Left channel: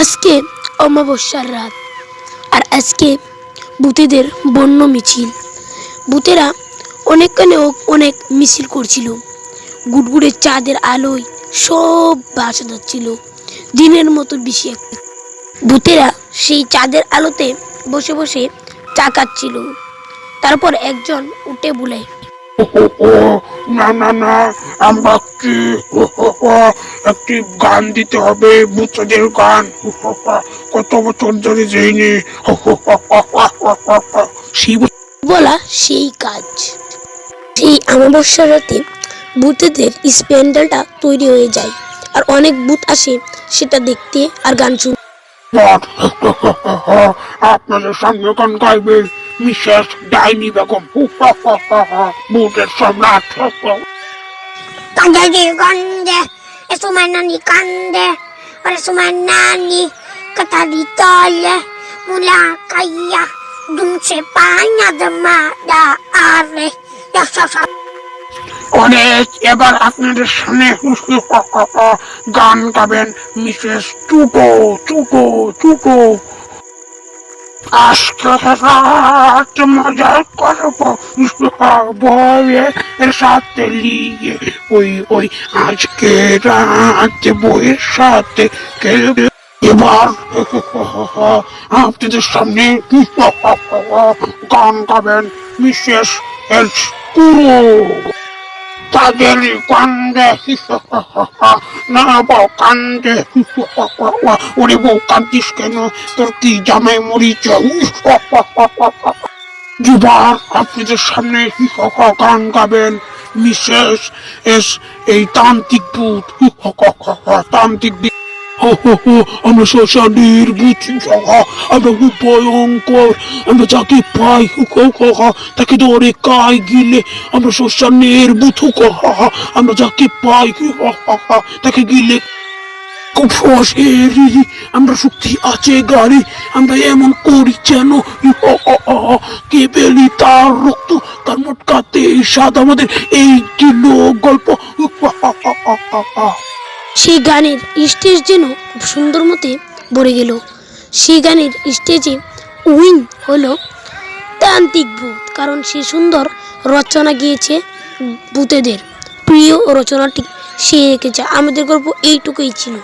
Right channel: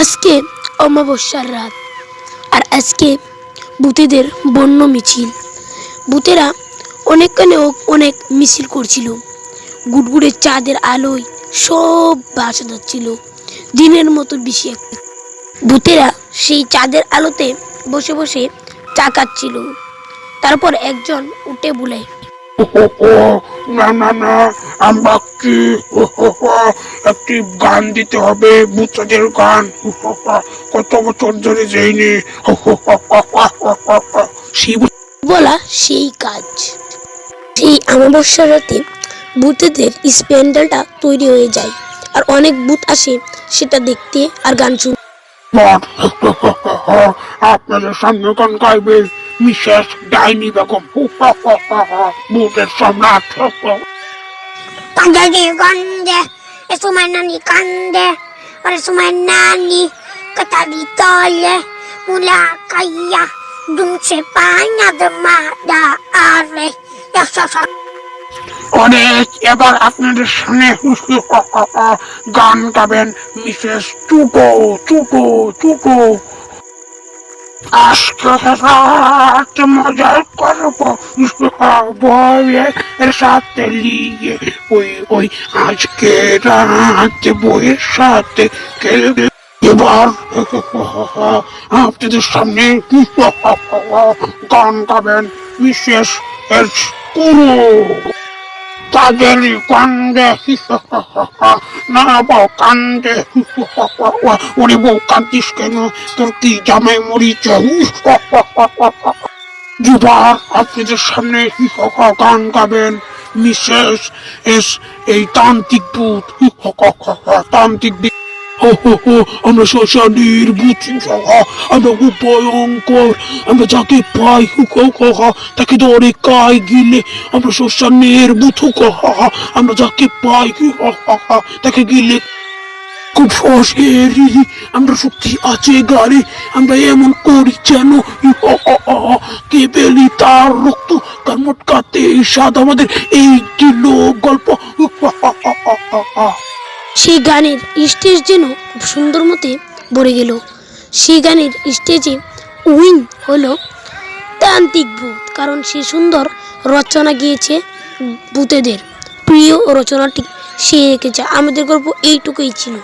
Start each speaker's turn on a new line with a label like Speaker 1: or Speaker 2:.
Speaker 1: আজকে অমাবস্যার রাত, আর আজকে বুতেদের বন্য মিছিল। ভূতেরা অনেকখানে অনেক মিছিল করছিল। গুড়গুড়ের চাঁদের আলোয় সব ভাসা যাচ্ছিল, দিনের মতো বেশি একটা ভূতেরা সেই চাঁদের আলোতে বসে বসে চা খাচ্ছিল। তারপর একজন উঠে বলে
Speaker 2: না না না আমরা কি একটি গান দিতে হবে ভূতদের গান কত বছর ধরে যাইনি
Speaker 1: বলা সেই কাজ সেই অমাবস্যার রাতে ভূতেদের স্প্যান্ডেলটা তৈরি হয়ে যায় আর অনেক ভূত আসে সেটা দেখতে আর গান শুনতে
Speaker 2: আপনাদের গান গাইবে মিসেস ডাইনি বেগম বুকের সম্রাট
Speaker 3: Kandadi kande, esumay nani kande, para sumay nani, katalitole, mula kaya, dun se paña de mada are, yasasa.
Speaker 2: অনেক, এবার আপনাদের সামনে গান গাবেন মিসেস চুকো চুকো চুকো আজকে মজা সাথে ওই ওই আজকে রাত বউয়ের সাথে খেলবে। এবার আপনাদের সামনে গান গাবেন মিসেস এস তাদের কান্দে না বউ কান্দে ওরে বউ কান্দিস কেন? তোর কি জামাই মরিচ? দুবার আপনাদের সামনে গান গাবেন মিসেস এস, এই তান্ত্রিক ভূত তান্ত্রিক আমরা শ্মশানের ভূত আমরা খুব ভয়ঙ্কর আমরা যাকে পাই তাকে ধরে কাই গিলে আমরা শ্মশানের ভূত আমরা যাকে পাই তাকে গিলে খুব আমরা শক্তি আছে গাড়ি আমরা এমন করি যেন কে পেলি তার রক্ত তার মোটকাতে স্বাদ আমাদের এই দিল গল্প
Speaker 1: সেই গানের স্টেজ যেন খুব সুন্দর মতে ভরে গেল। সেই গানের স্টেজে উইন হলো তান্ত্রিক ভূত, কারণ সে সুন্দর রচনা গিয়েছে ভূতেদের। প্রিয় রচনাটি সে রেখেছে। আমাদের গল্প এইটুকুই ছিল।